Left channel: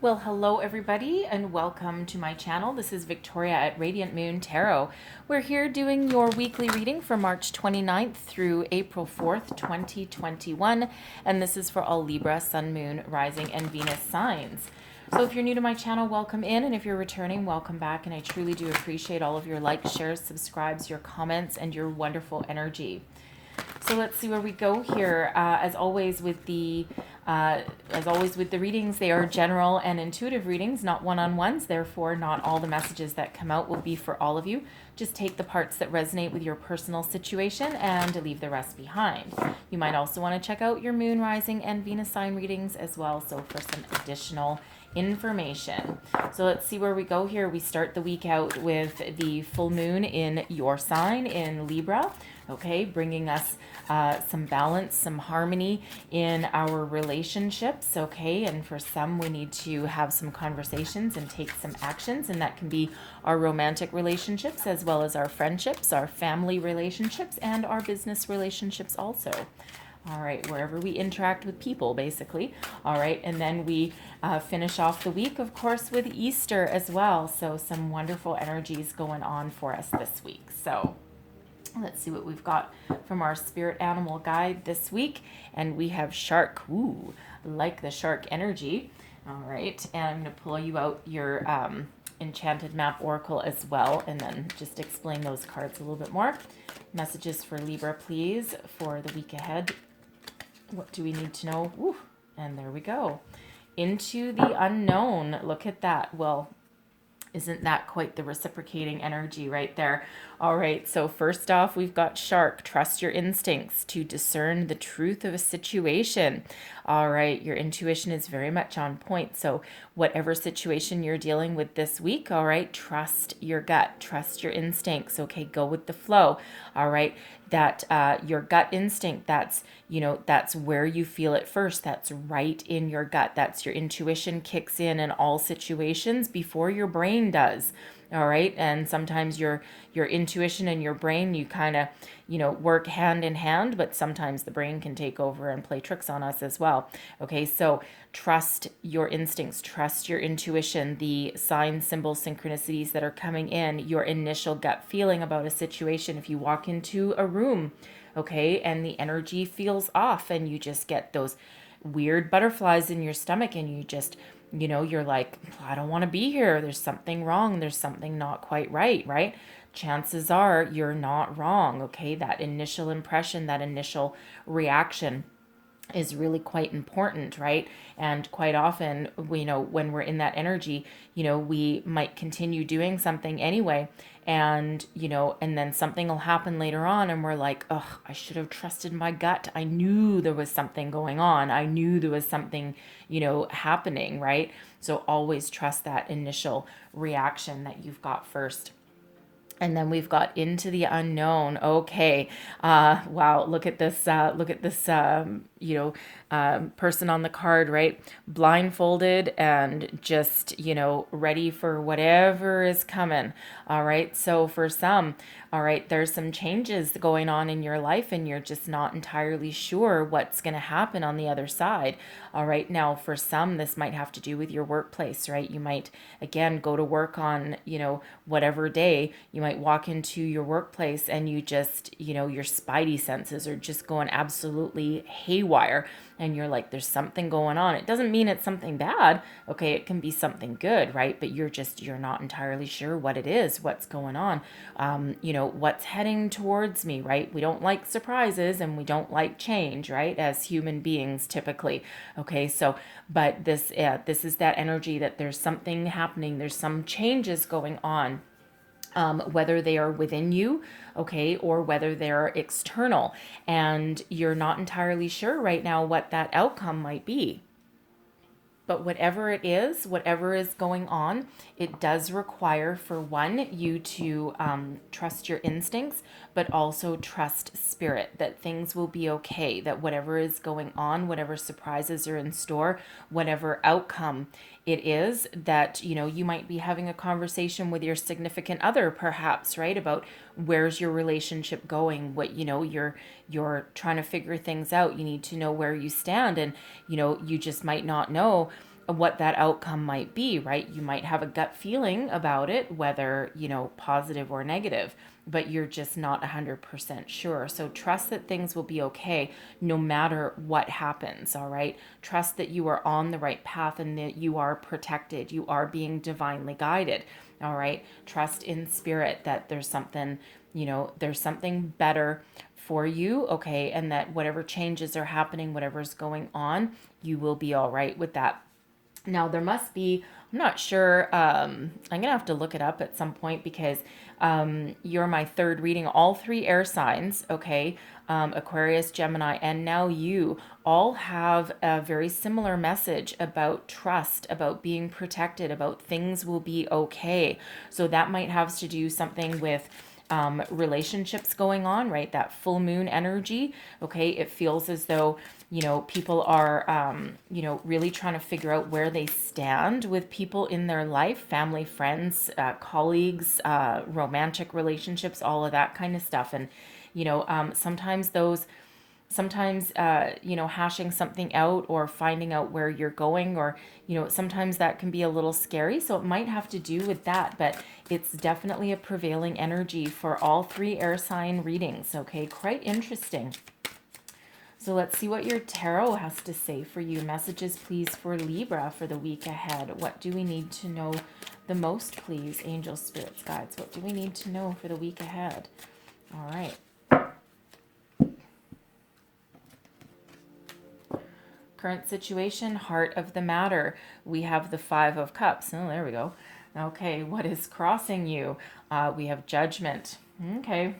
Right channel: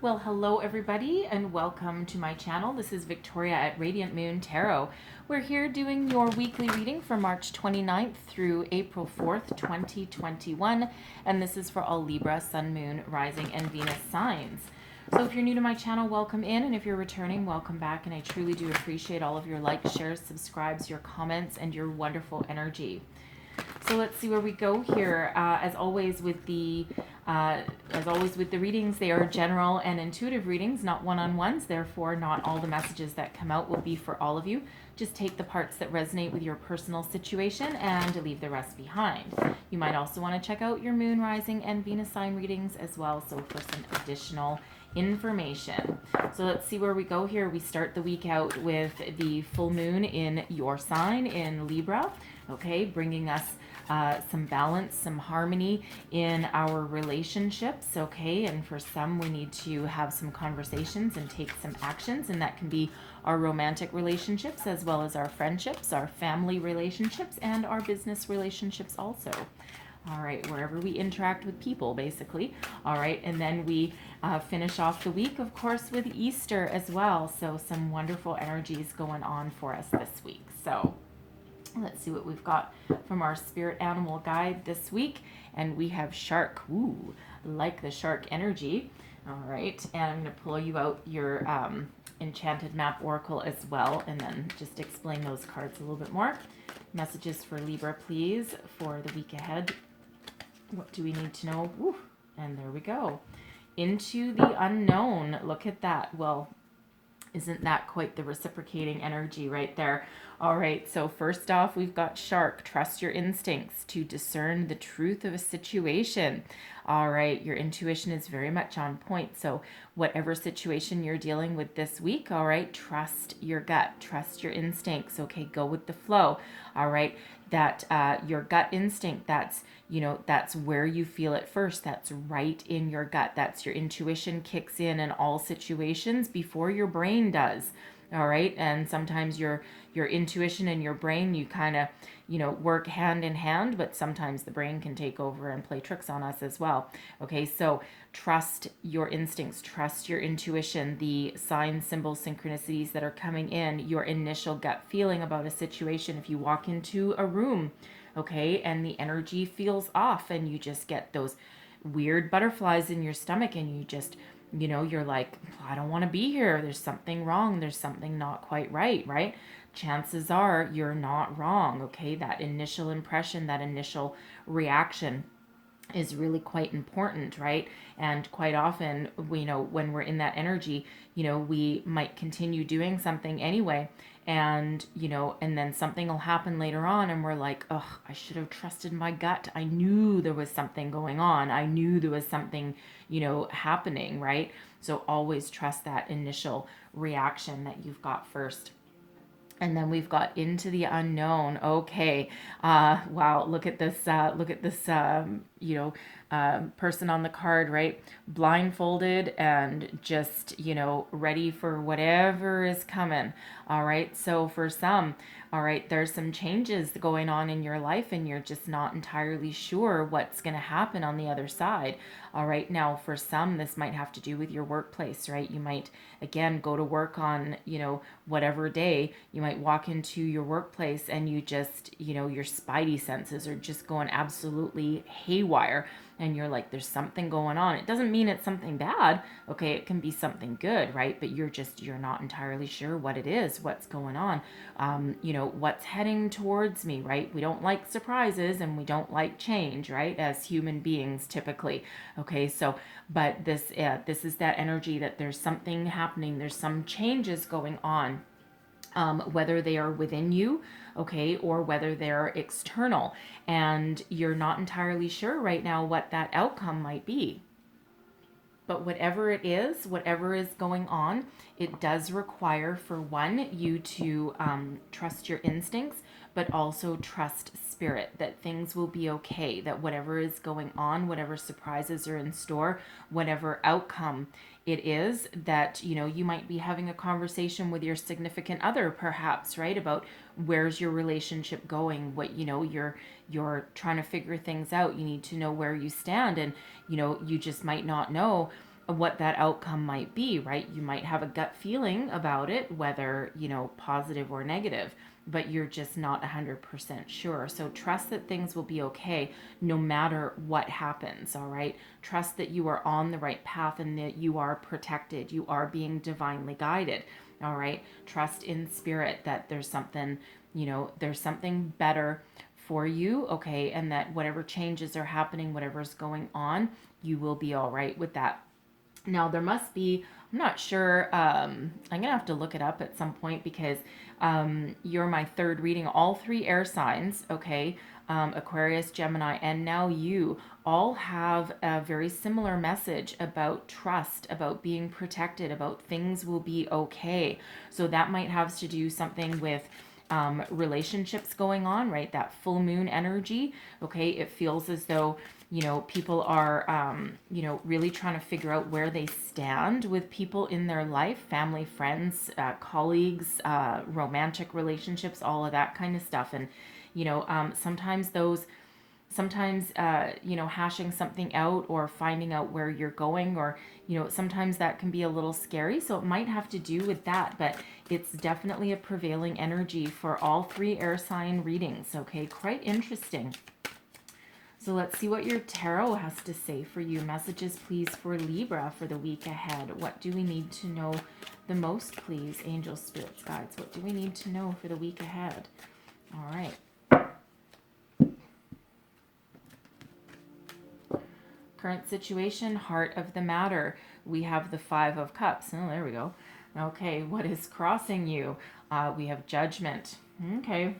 Well, hello everybody and welcome to my channel. This is Victoria at Radiant Moon Tarot. We're here doing your weekly reading for March 29th through April 4th, 2021. And this is for all Libra, Sun, Moon, Rising, and Venus signs. So if you're new to my channel, welcome in. And if you're returning, welcome back. And I truly do appreciate all of your likes, shares, subscribes, your comments, and your wonderful energy. So let's see where we go here. As always with the readings, they are general and intuitive readings, not one-on-ones. Therefore, not all the messages that come out will be for all of you. Just take the parts that resonate with your personal situation and leave the rest behind. You might also want to check out your Moon, Rising, and Venus sign readings as well, so for some additional information. So let's see where we go here. We start the week out with the full moon in your sign in Libra. Okay, bringing us some balance, some harmony in our relationships, okay? And for some, we need to have some conversations and take some actions, and that can be our romantic relationships as well as our friendships, our family relationships, and our business relationships also. All right, wherever we interact with people, basically. All right, and then we finish off the week, of course, with Easter as well. So some wonderful energies going on for us this week. So let's see what we've got from our spirit animal guide this week. And we have shark. Ooh, like the shark energy. All right, and I'm going to pull you out your enchanted map oracle as well, and then just explain those cards a little bit more. Messages for Libra, please, for the week ahead. What do we need to know? Ooh, and there we go. Into the unknown. Look at that. Well, isn't that quite the reciprocating energy right there? All right, so first off, we've got shark. Trust your instincts to discern the truth of a situation. All right, your intuition is very much on point. So whatever situation you're dealing with this week, all right, trust your gut, trust your instincts. Okay, go with the flow. All right, that your gut instinct, that's that's where you feel it first. That's right in your gut. That's your intuition kicks in all situations before your brain does. All right, and sometimes your intuition and your brain, you kind of work hand in hand, but sometimes the brain can take over and play tricks on us as well. Okay, so trust your instincts, trust your intuition, the signs, symbols, synchronicities that are coming in, your initial gut feeling about a situation. If you walk into a room, okay, and the energy feels off and you just get those weird butterflies in your stomach and you just you're like, I don't want to be here. There's something wrong. There's something not quite right, right? Chances are you're not wrong, okay? That initial impression, that initial reaction is really quite important, right? And quite often, when we're in that energy, we might continue doing something anyway. And, and then something will happen later on and we're like, oh, I should have trusted my gut. I knew there was something going on. I knew there was something, happening, right? So always trust that initial reaction that you've got first. And then we've got into the unknown. Okay. Wow. Look at this. Person on the card, right? Blindfolded and just, ready for whatever is coming. All right. So for some, all right, there's some changes going on in your life and you're just not entirely sure what's going to happen on the other side. All right. Now, for some, this might have to do with your workplace, right? You might, again, go to work on, whatever day. You might walk into your workplace and you just, your spidey senses are just going absolutely haywire. And you're like, there's something going on. It doesn't mean it's something bad. Okay, it can be something good, right? But you're not entirely sure what it is, what's going on, what's heading towards me, right? We don't like surprises and we don't like change, right? As human beings, typically. Okay, so, but this is that energy that there's something happening. There's some changes going on. Whether they are within you, okay, or whether they're external, and you're not entirely sure right now what that outcome might be. But whatever it is, whatever is going on, it does require, for one, you to trust your instincts, but also trust spirit, that things will be okay, that whatever is going on, whatever surprises are in store, whatever outcome it is, that you might be having a conversation with your significant other, perhaps, right, about where's your relationship going, what you're trying to figure things out. You need to know where you stand, and you just might not know what that outcome might be, right? You might have a gut feeling about it, whether, positive or negative, but you're just not 100% sure. So trust that things will be okay no matter what happens, all right? Trust that you are on the right path and that you are protected. You are being divinely guided, all right? Trust in spirit that there's something, there's something better for you, okay? And that whatever changes are happening, whatever's going on, you will be all right with that. Now, there must be, I'm not sure, I'm going to have to look it up at some point because you're my third reading, all three air signs, okay? Aquarius, Gemini, and now you all have a very similar message about trust, about being protected, about things will be okay. So that might have to do something with relationships going on, right? That full moon energy, okay? It feels as though, people are, really trying to figure out where they stand with people in their life, family, friends, colleagues, romantic relationships, all of that kind of stuff. And, sometimes hashing something out or finding out where you're going, or sometimes that can be a little scary, so it might have to do with that. But it's definitely a prevailing energy for all three air sign readings, okay? Quite interesting. So let's see what your tarot has to say for you. Messages, please, for Libra for the week ahead. What do we need to know the most, please? Angels, spirits, guides. What do we need to know for the week ahead? All right. Current situation, heart of the matter. We have the 5 of Cups. Oh, there we go. Okay, what is crossing you? We have judgment. Okay.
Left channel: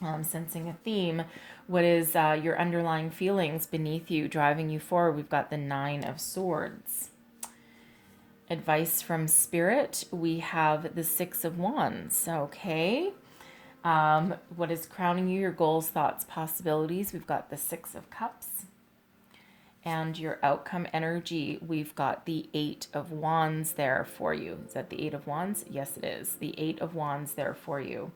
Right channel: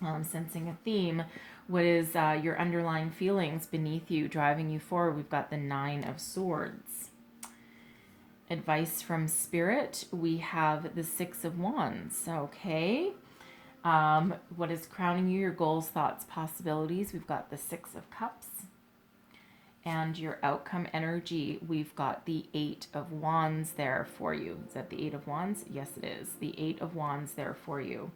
Sensing a theme. What is your underlying feelings beneath you, driving you forward? We've got the 9 of Swords. Advice from Spirit. We have the 6 of Wands. Okay. What is crowning you? Your goals, thoughts, possibilities. We've got the 6 of Cups. And your outcome energy, we've got the 8 of Wands there for you. Is that the 8 of Wands? Yes, it is. The 8 of Wands there for you.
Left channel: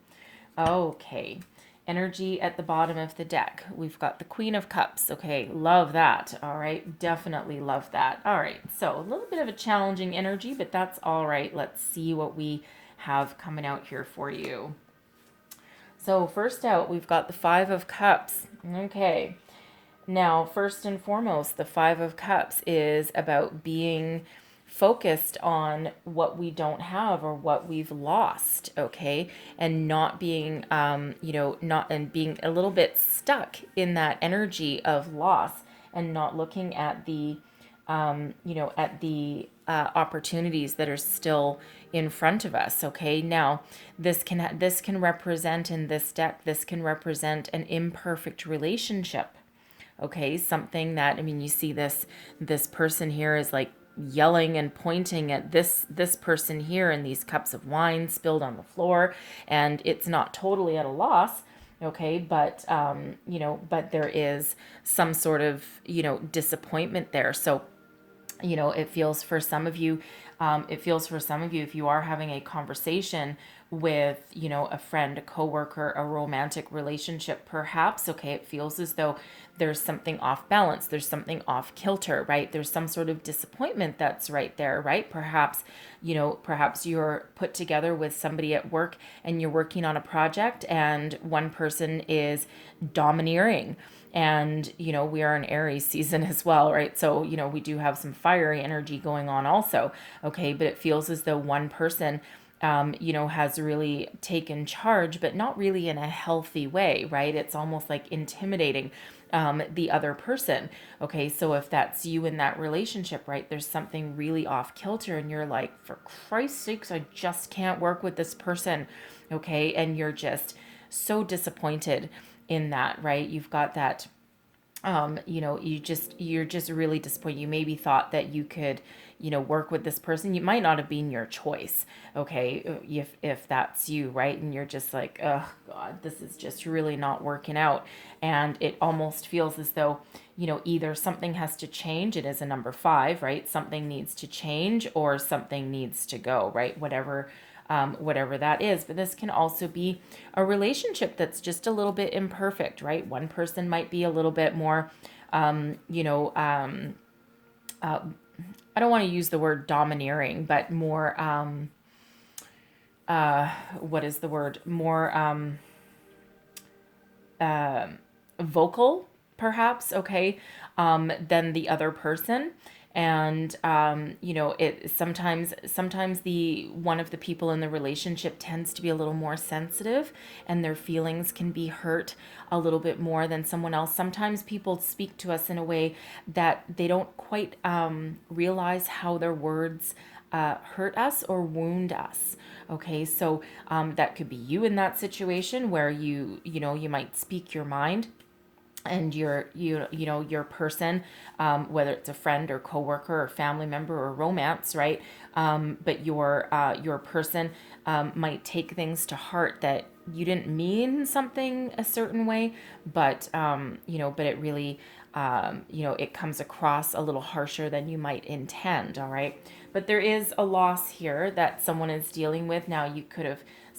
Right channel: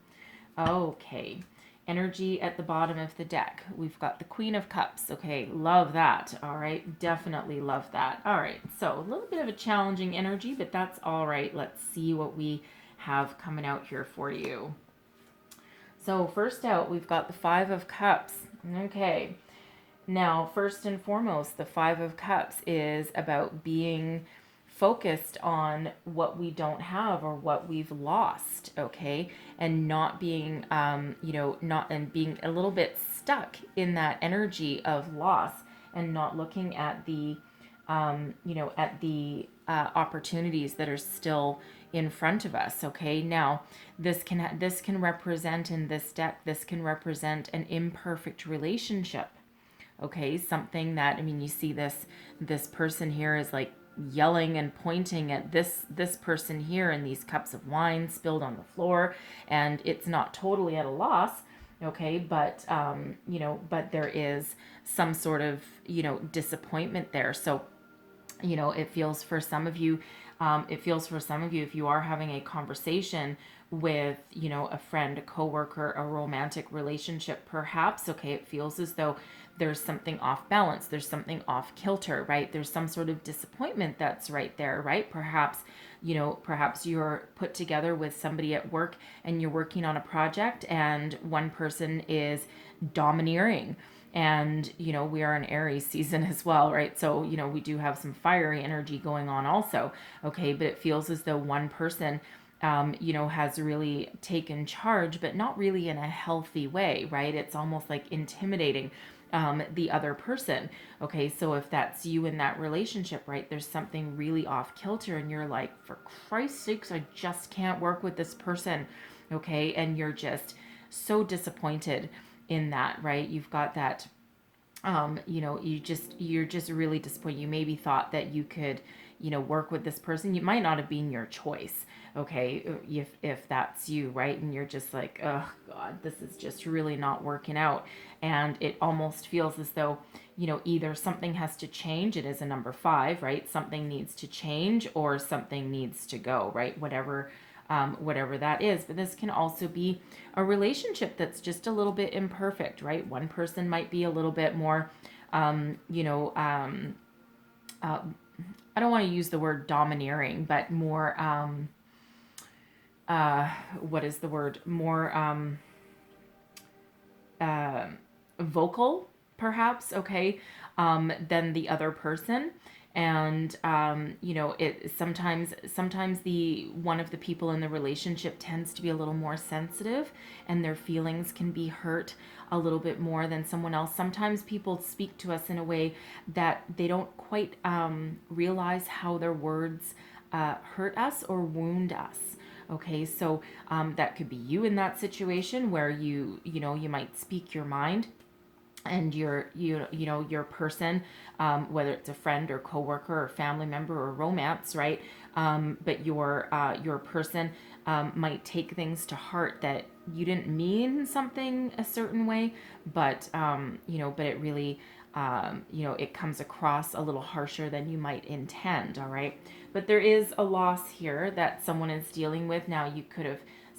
Okay. Energy at the bottom of the deck. We've got the Queen of Cups. Okay, love that. All right, definitely love that. All right, so a little bit of a challenging energy, but that's all right. Let's see what we have coming out here for you. So first out, we've got the 5 of Cups. Okay. Now, first and foremost, the 5 of Cups is about being focused on what we don't have or what we've lost, okay? And not being, being a little bit stuck in that energy of loss and not looking at the, opportunities that are still in front of us, okay? Now, this can represent in this deck, this can represent an imperfect relationship. Okay, something that, you see this person here is like yelling and pointing at this person here, and these cups of wine spilled on the floor, and it's not totally at a loss, okay, but but there is some sort of disappointment there. So it feels for some of you, if you are having a conversation with a friend, a coworker, a romantic relationship perhaps, okay, it feels as though there's something off balance, there's something off kilter, right? There's some sort of disappointment that's right there, right? Perhaps you're put together with somebody at work and you're working on a project and one person is domineering. And, we are in Aries season as well, right? So, we do have some fiery energy going on also, okay? But it feels as though one person has really taken charge, but not really in a healthy way, right? It's almost like intimidating the other person. Okay, so if that's you in that relationship, right, there's something really off kilter and you're like, for Christ's sakes, I just can't work with this person. Okay, and you're just so disappointed in that, right? You've got that, you're just really disappointed. You maybe thought that you could, work with this person. You might not have been your choice, okay, if that's you, right? And you're just like, oh God, this is just really not working out. And it almost feels as though, either something has to change. It is a number 5, right? Something needs to change or something needs to go, right? Whatever that is. But this can also be a relationship that's just a little bit imperfect, right? One person might be a little bit more, I don't want to use the word domineering, but more, what is the word? More, vocal, perhaps, okay, than the other person. And it sometimes the one of the people in the relationship tends to be a little more sensitive, and their feelings can be hurt a little bit more than someone else. Sometimes people speak to us in a way that they don't quite realize how their words hurt us or wound us. Okay, so that could be you in that situation where you might speak your mind, and your person, whether it's a friend or coworker or family member or romance, right? But your person might take things to heart that you didn't mean something a certain way, but but it really it comes across a little harsher than you might intend. All right, but there is a loss here that someone is dealing with. Now,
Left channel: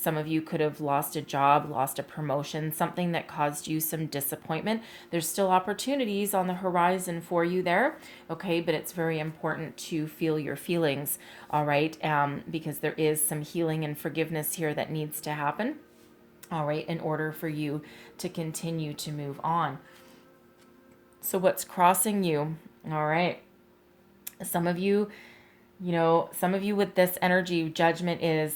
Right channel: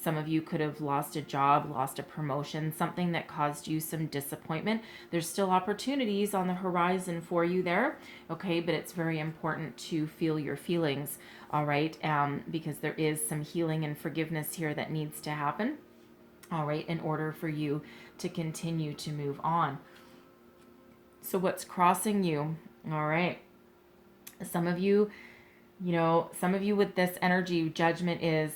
some of you could have lost a job, lost a promotion, something that caused you some disappointment. There's still opportunities on the horizon for you there, okay? But it's very important to feel your feelings, all right? Because there is some healing and forgiveness here that needs to happen, all right, in order for you to continue to move on. So what's crossing you, all right? Some of you with this energy, judgment is,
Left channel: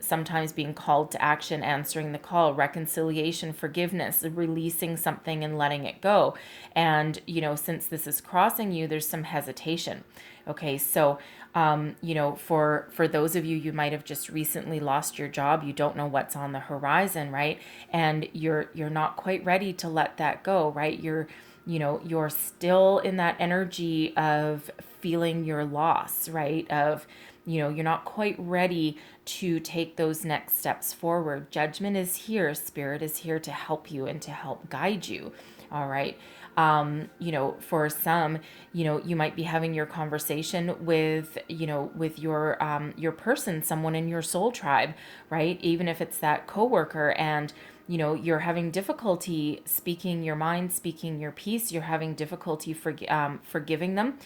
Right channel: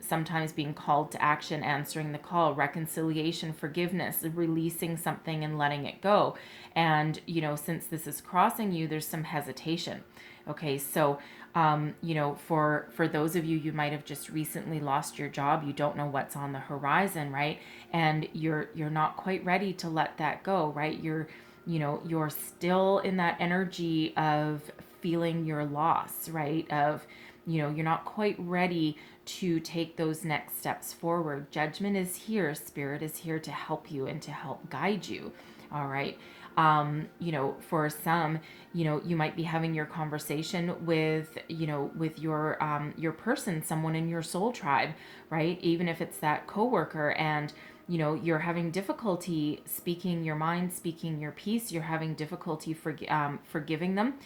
sometimes being called to action, answering the call, reconciliation, forgiveness, releasing something and letting it go. And, since this is crossing you, there's some hesitation. Okay, so, for those of you, you might have just recently lost your job. You don't know what's on the horizon, right? And you're not quite ready to let that go, right? You're still in that energy of feeling your loss, right? Of, you're not quite ready to take those next steps forward. Judgment is here. Spirit is here to help you and to help guide you. All right. For some, you might be having your conversation with your person, someone in your soul tribe, right? Even if it's that coworker, and you're having difficulty speaking your mind, speaking your piece. You're having difficulty forgiving them.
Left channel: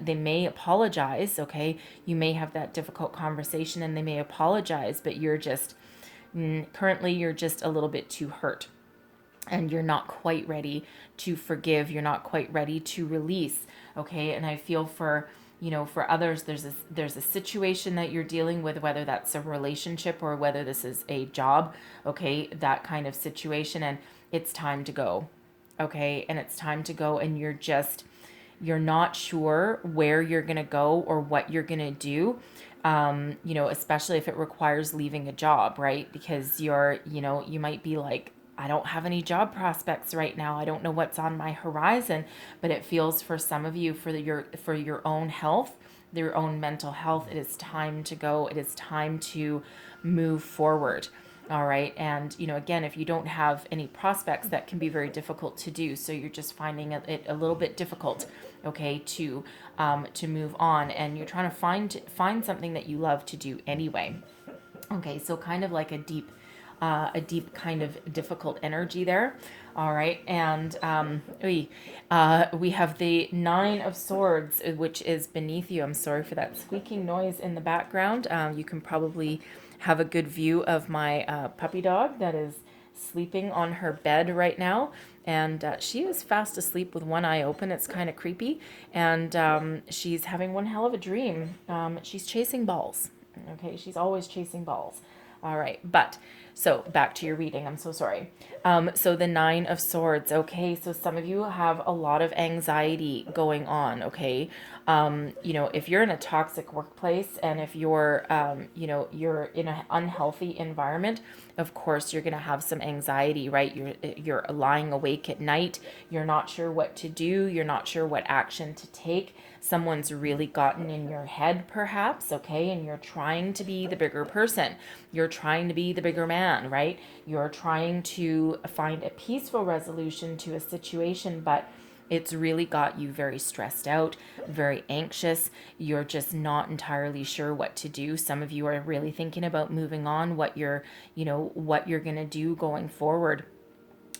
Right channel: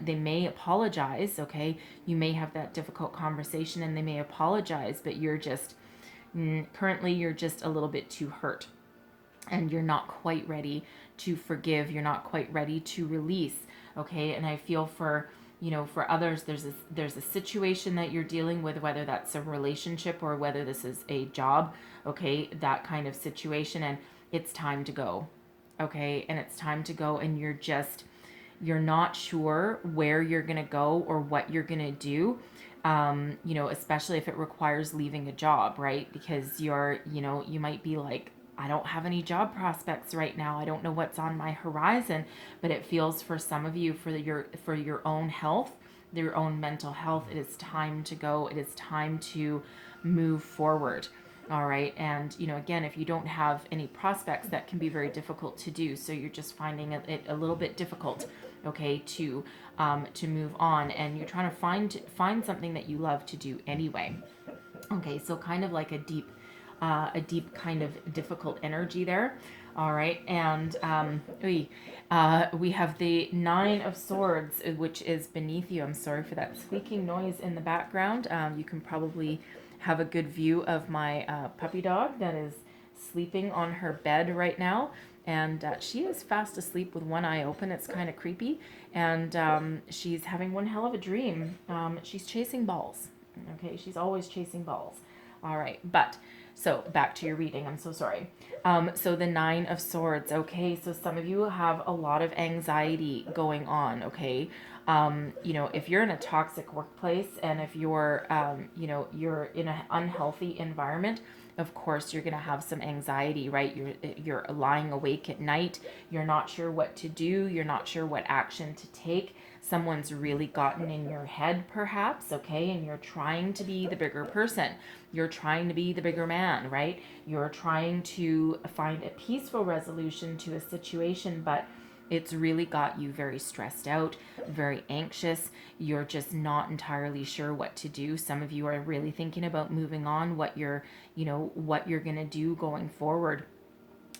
They may apologize, okay? You may have that difficult conversation and they may apologize, but currently you're just a little bit too hurt, and you're not quite ready to forgive. You're not quite ready to release, okay? And I feel for others, there's a situation that you're dealing with, whether that's a relationship or whether this is a job, okay? That kind of situation, and it's time to go, okay? And it's time to go, and you're not sure where you're gonna go or what you're gonna do. Especially if it requires leaving a job, right? Because you might be like, I don't have any job prospects right now. I don't know what's on my horizon, but it feels for some of you, for your own health, your own mental health, it is time to go. It is time to move forward. All right. And, again, if you don't have any prospects, that can be very difficult to do. So you're just finding it a little bit difficult, okay, to move on. And you're trying to find something that you love to do anyway. Okay. So kind of like a deep kind of difficult energy there. All right. And we have the 9 of Swords, which is beneath you. I'm sorry for that squeaking noise in the background. You can probably have a good view of my puppy dog that is sleeping on her bed right now. And she is fast asleep with one eye open. It's kind of creepy. And she's having one hell of a dream. She's chasing balls. Okay. She's always chasing balls. All right. So back to your reading. I'm so sorry. So the 9 of Swords. Okay. So some of you have a lot of anxiety going on. Okay. If you're in a toxic workplace, and if you're in an unhealthy environment, of course you're going to have some anxiety, right? You're lying awake at night. You're not sure what to do. You're not sure what action to take. Someone's really gotten in your head, perhaps, okay? And you're trying to be the bigger person. You're trying to be the bigger man, right? You're trying to find a peaceful resolution to a situation, but it's really got you very stressed out, very anxious. You're just not entirely sure what to do. Some of you are really thinking about moving on, what you're going to do going forward.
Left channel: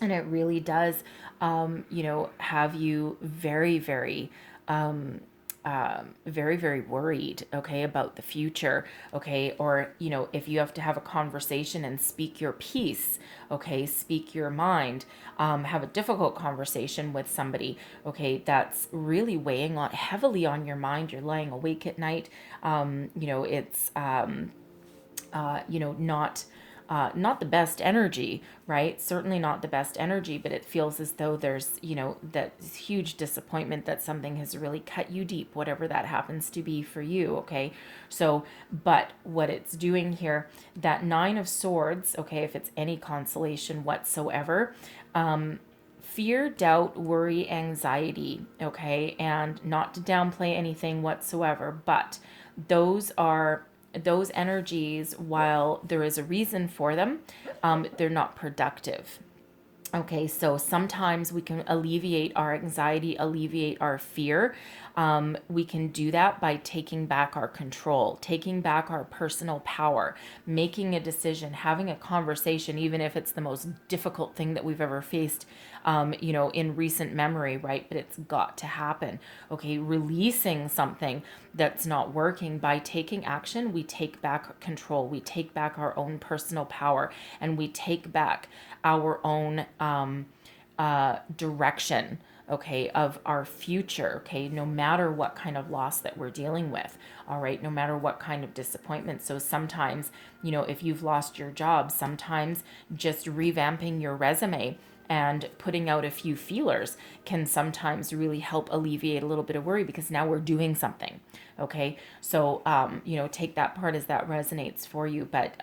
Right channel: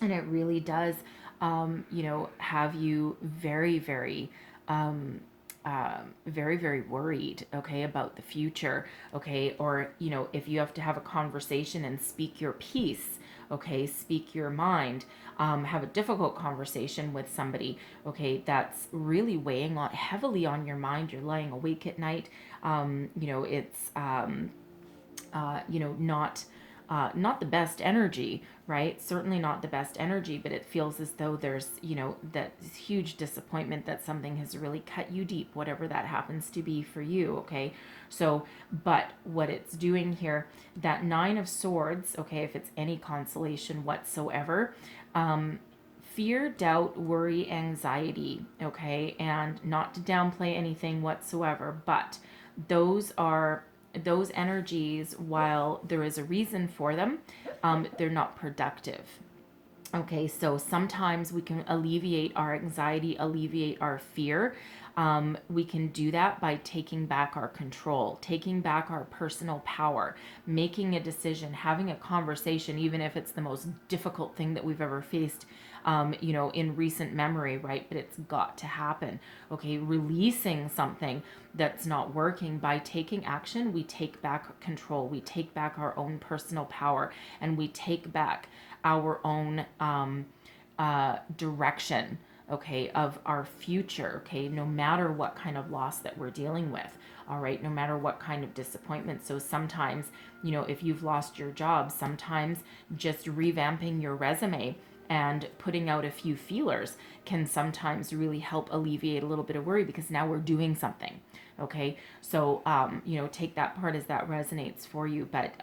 And it really does, have you very, very, very, very worried, okay, about the future, okay, or, if you have to have a conversation and speak your piece, okay, speak your mind, have a difficult conversation with somebody, okay, that's really weighing on heavily on your mind. You're laying awake at night. It's not the best energy, right? Certainly not the best energy, but it feels as though there's, that huge disappointment that something has really cut you deep, whatever that happens to be for you, okay? So, but what it's doing here, that Nine of Swords, okay, if it's any consolation whatsoever, fear, doubt, worry, anxiety, okay, and not to downplay anything whatsoever, but those energies, while there is a reason for them, they're not productive. Okay, so sometimes we can alleviate our anxiety, alleviate our fear. We can do that by taking back our control, taking back our personal power, making a decision, having a conversation, even if it's the most difficult thing that we've ever faced, in recent memory, right? But it's got to happen. Okay, releasing something that's not working. By taking action, we take back control, we take back our own personal power, and we take back our own direction, okay, of our future, okay, no matter what kind of loss that we're dealing with, all right, no matter what kind of disappointment. So sometimes, if you've lost your job, sometimes just revamping your resume and putting out a few feelers can sometimes really help alleviate a little bit of worry, because now we're doing something. Okay, so take that part as that resonates for you. But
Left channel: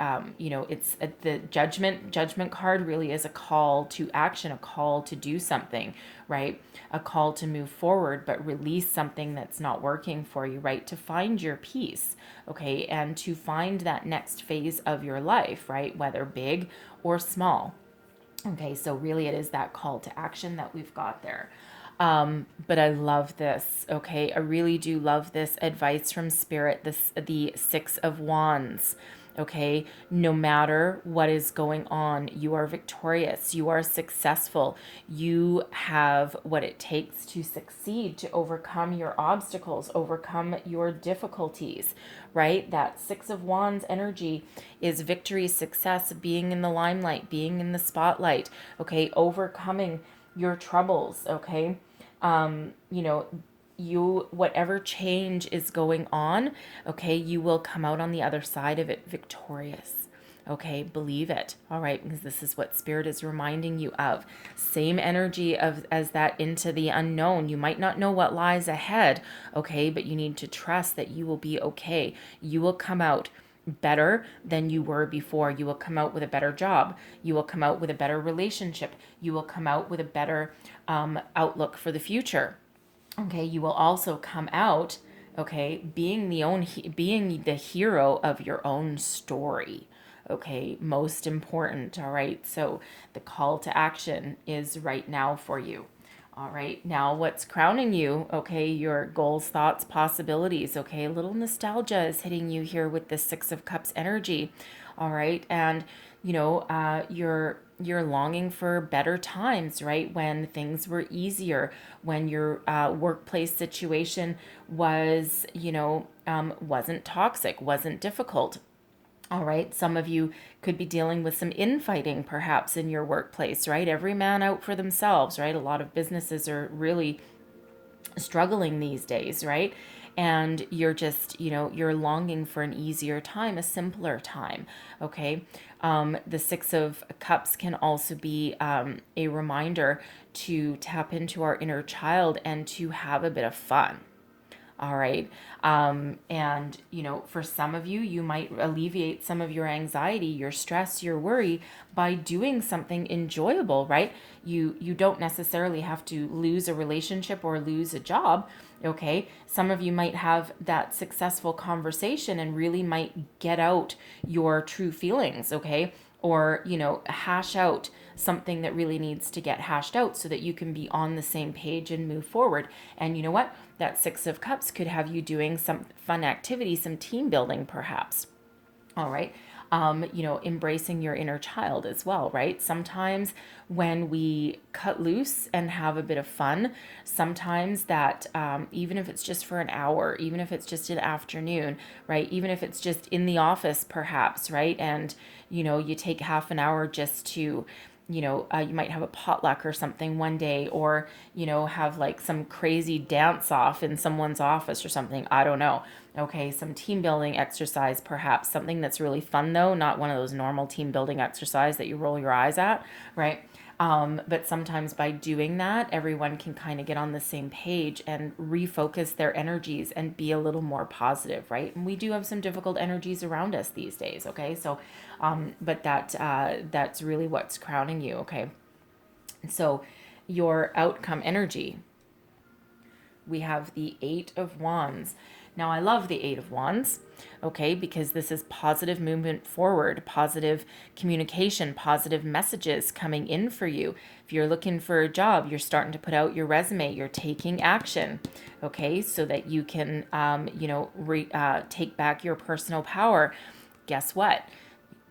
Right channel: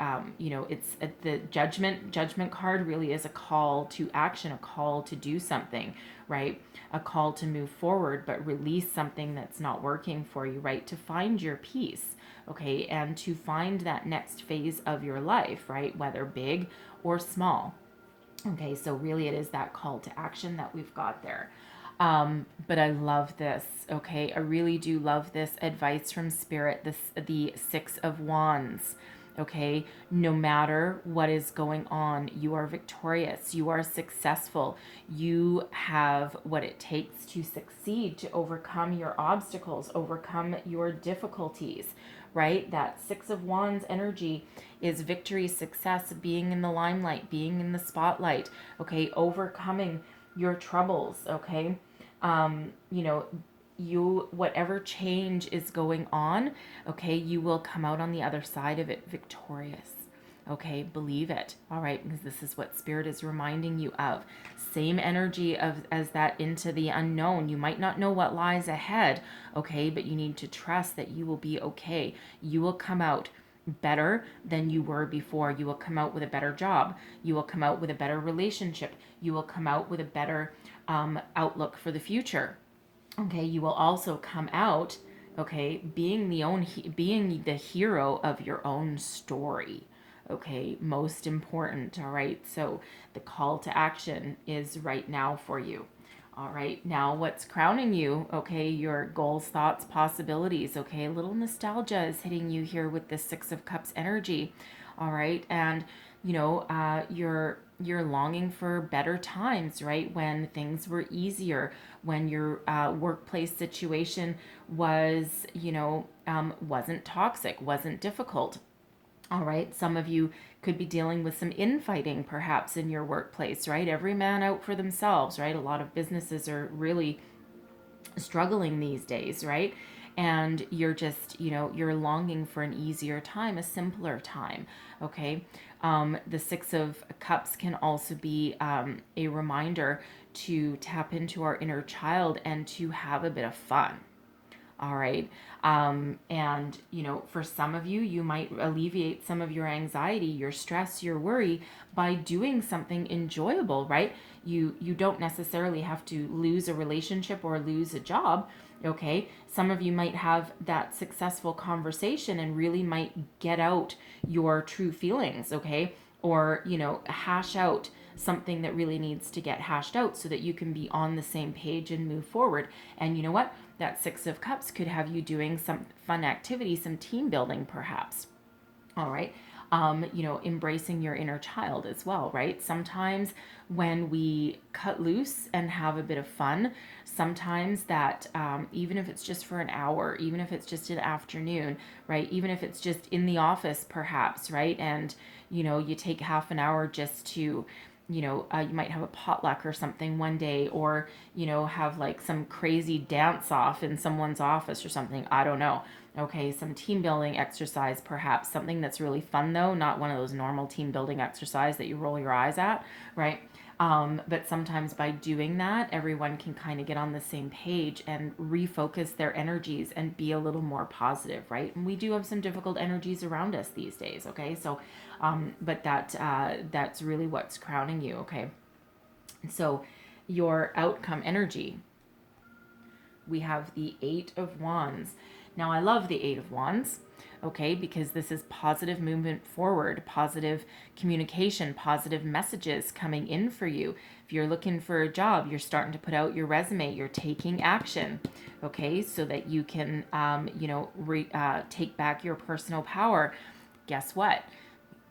it's the judgment card really is a call to action, a call to do something, right? A call to move forward, but release something that's not working for you, right? To find your peace, okay, and to find that next phase of your life, right? Whether big or small. Okay, so really it is that call to action that we've got there. But I love this, okay? I really do love this advice from Spirit, the Six of Wands, okay? No matter what is going on, you are victorious, you are successful, you have what it takes to succeed, to overcome your obstacles, overcome your difficulties, right? That Six of Wands energy is victory, success, being in the limelight, being in the spotlight, okay? Overcoming your troubles, okay? Whatever change is going on, okay, you will come out on the other side of it victorious. Okay, believe it. All right, because this is what Spirit is reminding you of. Same energy as that into the unknown. You might not know what lies ahead, okay, but you need to trust that you will be okay. You will come out better than you were before. You will come out with a better job. You will come out with a better relationship. You will come out with a better outlook for the future. Okay, you will also come out, okay, being the hero of your own story. Okay, most important. All right, so the call to action is right now for you. All right, now what's crowning you? Okay, your goals, thoughts, possibilities. Okay, a little nostalgia is hitting you here with the Six of Cups energy. All right, and you're longing for better times, right? When things were easier, when your workplace situation was, wasn't toxic, wasn't difficult. All right, some of you could be dealing with some infighting perhaps in your workplace, right? Every man out for themselves, right? A lot of businesses are really struggling these days, right? And you're just, you're longing for an easier time, a simpler time, okay? The Six of Cups can also be a reminder to tap into our inner child and to have a bit of fun. All right. And, for some of you, you might alleviate some of your anxiety, your stress, your worry by doing something enjoyable, right? You don't necessarily have to lose a relationship or lose a job. Okay. Some of you might have that successful conversation and really might get out your true feelings. Okay. Or, hash out something that really needs to get hashed out so that you can be on the same page and move forward. And you know what? That Six of Cups could have you doing some fun activity, some team building perhaps. All right. embracing your inner child as well, right? Sometimes when we cut loose and have a bit of fun, sometimes that, even if it's just for an hour, even if it's just an afternoon, right? Even if it's just in the office, perhaps, right? And, you take half an hour just to, you might have a potluck or something one day, or, have like some crazy dance off in someone's office or something. I don't know. Okay, some team building exercise, perhaps something that's really fun though, not one of those normal team building exercise that you roll your eyes at, right? But sometimes by doing that, everyone can kind of get on the same page and refocus their energies and be a little more positive, right? And we do have some difficult energies around us these days, okay? So, but that's really what's crowning you, okay? So, your outcome energy, we have the Eight of Wands. Now, I love the Eight of Wands, okay, because this is positive movement forward, positive communication, positive messages coming in for you. If you're looking for a job, you're starting to put out your resume, you're taking action, okay, so that you can, take back your personal power. Guess what?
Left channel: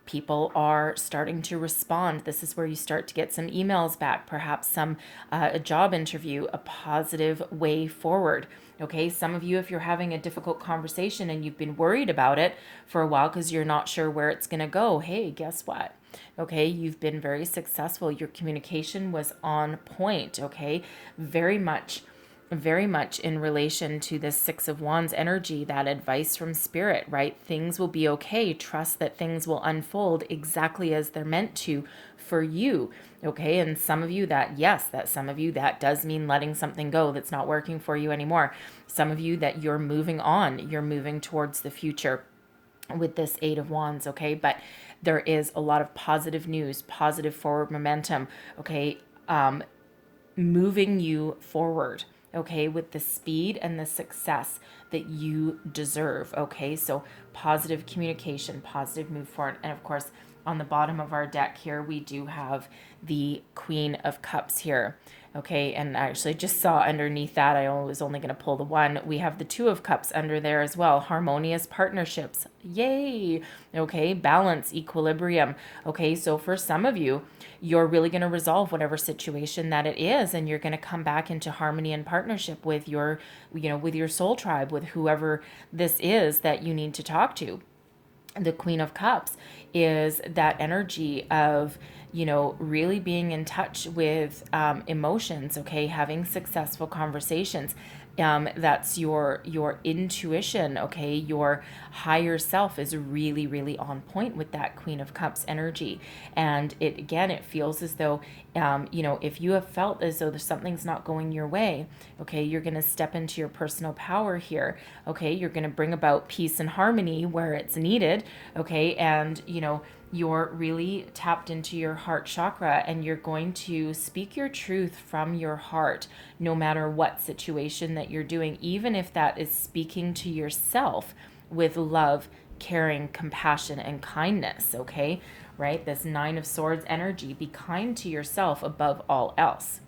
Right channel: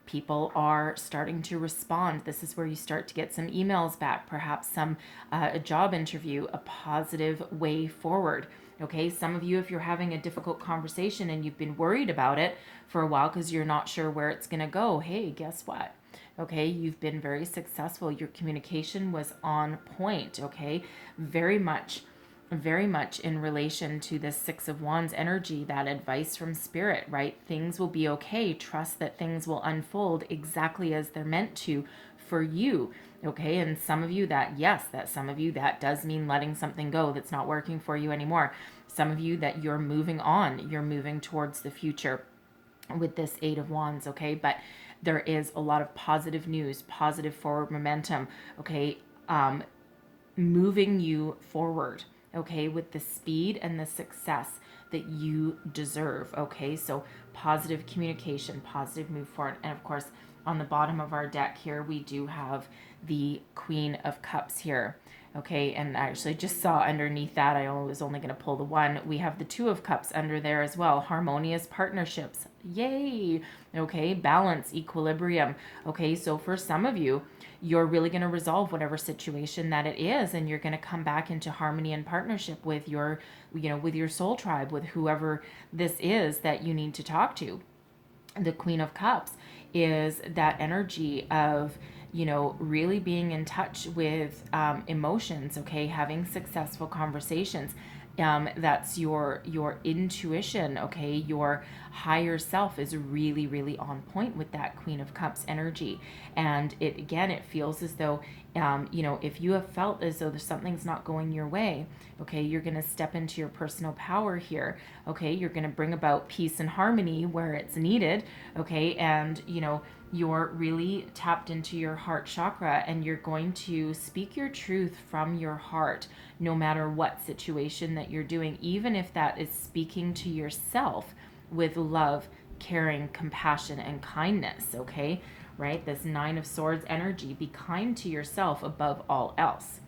People are starting to respond. This is where you start to get some emails back, perhaps some a job interview, a positive way forward. Okay, some of you, if you're having a difficult conversation and you've been worried about it for a while because you're not sure where it's going to go, hey, guess what? Okay, you've been very successful. Your communication was on point. Okay, very much in relation to this Six of Wands energy, that advice from Spirit, right? Things will be okay. Trust that things will unfold exactly as they're meant to for you. Okay, and some of you that does mean letting something go that's not working for you anymore. Some of you that you're moving on, you're moving towards the future with this Eight of Wands, okay? But there is a lot of positive news, positive forward momentum, okay? Moving you forward, okay, with the speed and the success that you deserve, okay? So positive communication, positive move forward. And of course, on the bottom of our deck here, we do have the Queen of Cups here, okay? And I actually just saw underneath that, I was only going to pull the one, we have the Two of Cups under there as well. Harmonious partnerships, yay, okay? Balance, equilibrium, okay? So for some of you, you're really going to resolve whatever situation that it is, and you're going to come back into harmony and partnership with your, with your soul tribe, with whoever this is that you need to talk to. The Queen of Cups is that energy of, really being in touch with emotions, okay, having successful conversations. That's your intuition, okay, your higher self is really, really on point with that Queen of Cups energy. And it feels as though, if you have felt as though something's not going your way, okay, you're going to step into your personal power here, okay, you're going to bring about peace and harmony where it's needed, okay, and, you're really tapped into your heart chakra, and you're going to speak your truth from your heart, no matter what situation that you're doing, even if that is speaking to yourself with love, caring, compassion, and kindness, okay? Right? This Nine of Swords energy, be kind to yourself above all else.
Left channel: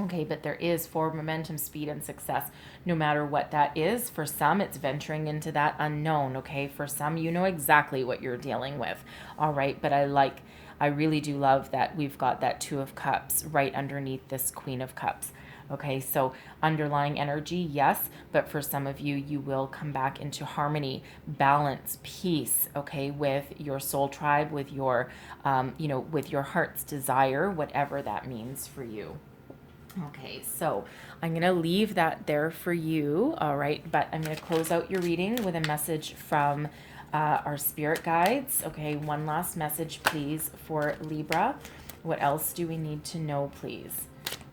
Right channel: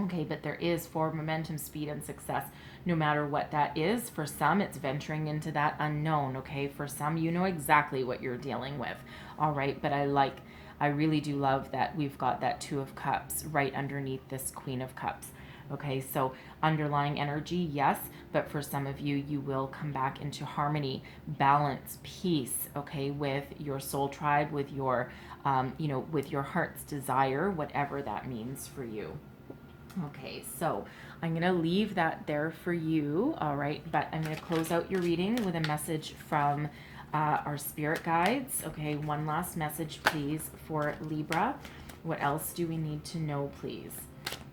Okay, but there is forward momentum, speed, and success, no matter what that is. For some, it's venturing into that unknown, okay? For some, you know exactly what you're dealing with, all right? But I really do love that we've got that Two of Cups right underneath this Queen of Cups. Okay, so underlying energy, yes, but for some of you, you will come back into harmony, balance, peace, okay, with your soul tribe, with your, with your heart's desire, whatever that means for you. Okay, so I'm going to leave that there for you, all right, but I'm going to close out your reading with a message from our spirit guides. Okay, one last message, please, for Libra. What else do we need to know, please?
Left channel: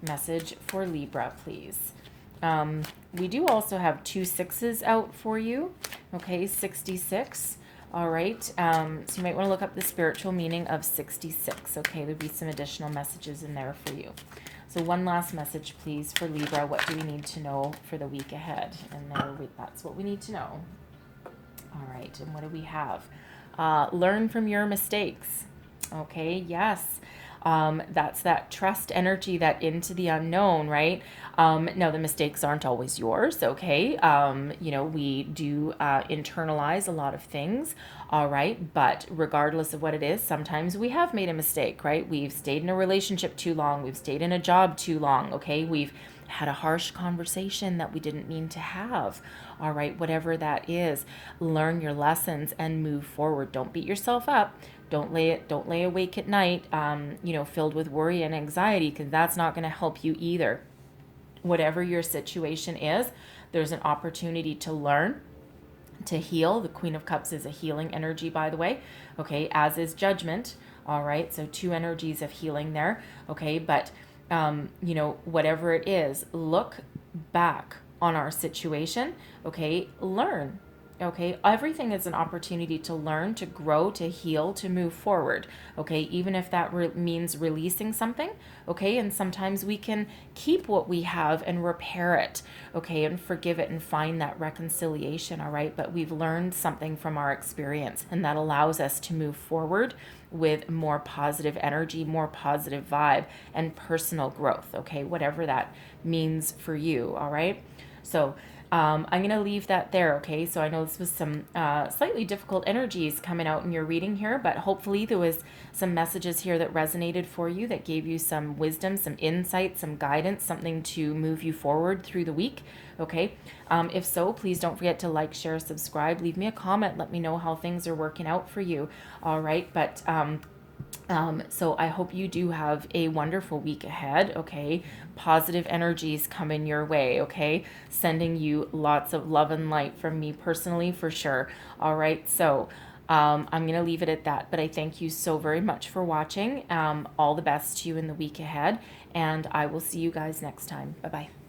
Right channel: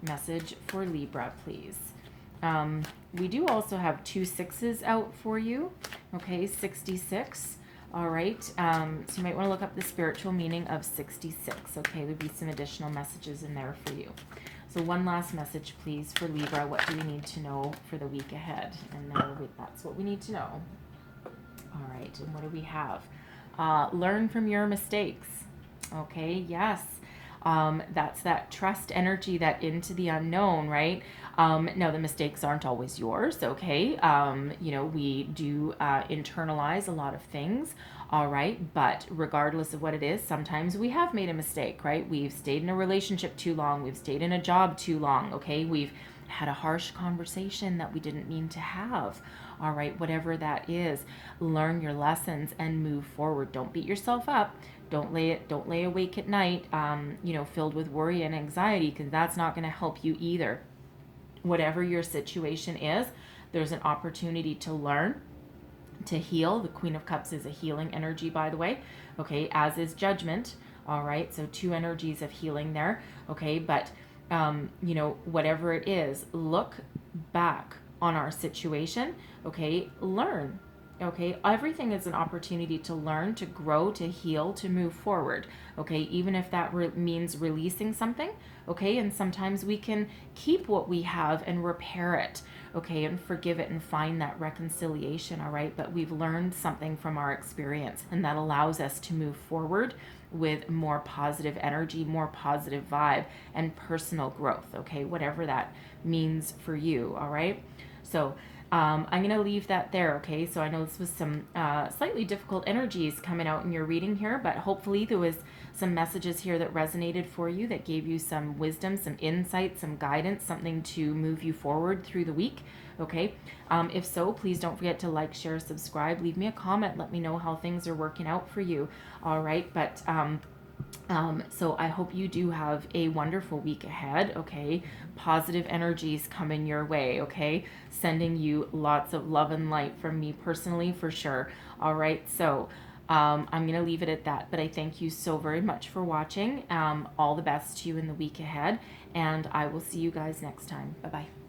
Message for Libra, please. We do also have 2 6s out for you, okay, 66. All right, so you might want to look up the spiritual meaning of 66, okay? There'll be some additional messages in there for you. So one last message, please, for Libra. What do we need to know for the week ahead? And that's what we need to know. All right, and what do we have? Learn from your mistakes. Okay, yes. That's that trust energy, that into the unknown, right? Now, the mistakes aren't always yours, okay? You know, we do internalize a lot of things, all right? But regardless of what it is, sometimes we have made a mistake, right? We've stayed in a relationship too long, we've stayed in a job too long, okay? We've had a harsh conversation that we didn't mean to have. All right, whatever that is, learn your lessons and move forward. Don't beat yourself up. Don't lay awake at night, you know, filled with worry and anxiety, because that's not going to help you either. Whatever your situation is, there's an opportunity to learn, to heal. The Queen of Cups is a healing energy, by the way. Okay, as is Judgment. All right, so two energies of healing there. Okay, but you know, whatever it is, look back on our situation. Okay, learn. Okay, everything is an opportunity to learn, to grow, to heal, to move forward. Okay, even if that means releasing something. Okay, and sometimes we can keep what we have and repair it. Okay, and forgive it and find that reconciliation. All right, but we've learned something from our experience, and that allows us to move forward with more positive energy, more positive vibe, and personal growth. Okay, whatever that means for you. All right, so I'm going to leave that there, okay? So I know this was some slightly difficult energies coming out in your reading here, but hopefully there was some messages here that resonated for you, that gave you some wisdom, some insight, some guidance, something to move you forward through the week, okay? If so, please don't forget to like, share, subscribe, leave me a comment, let me know how things are working out for you, all right? But so I hope you do have a wonderful week ahead, okay? Positive energies coming your way, okay? Sending you lots of love and light from me personally, for sure. All right, so I'm going to leave it at that, but I thank you so very much for watching. All the best to you in the week ahead, and I will see you guys next time. Bye-bye.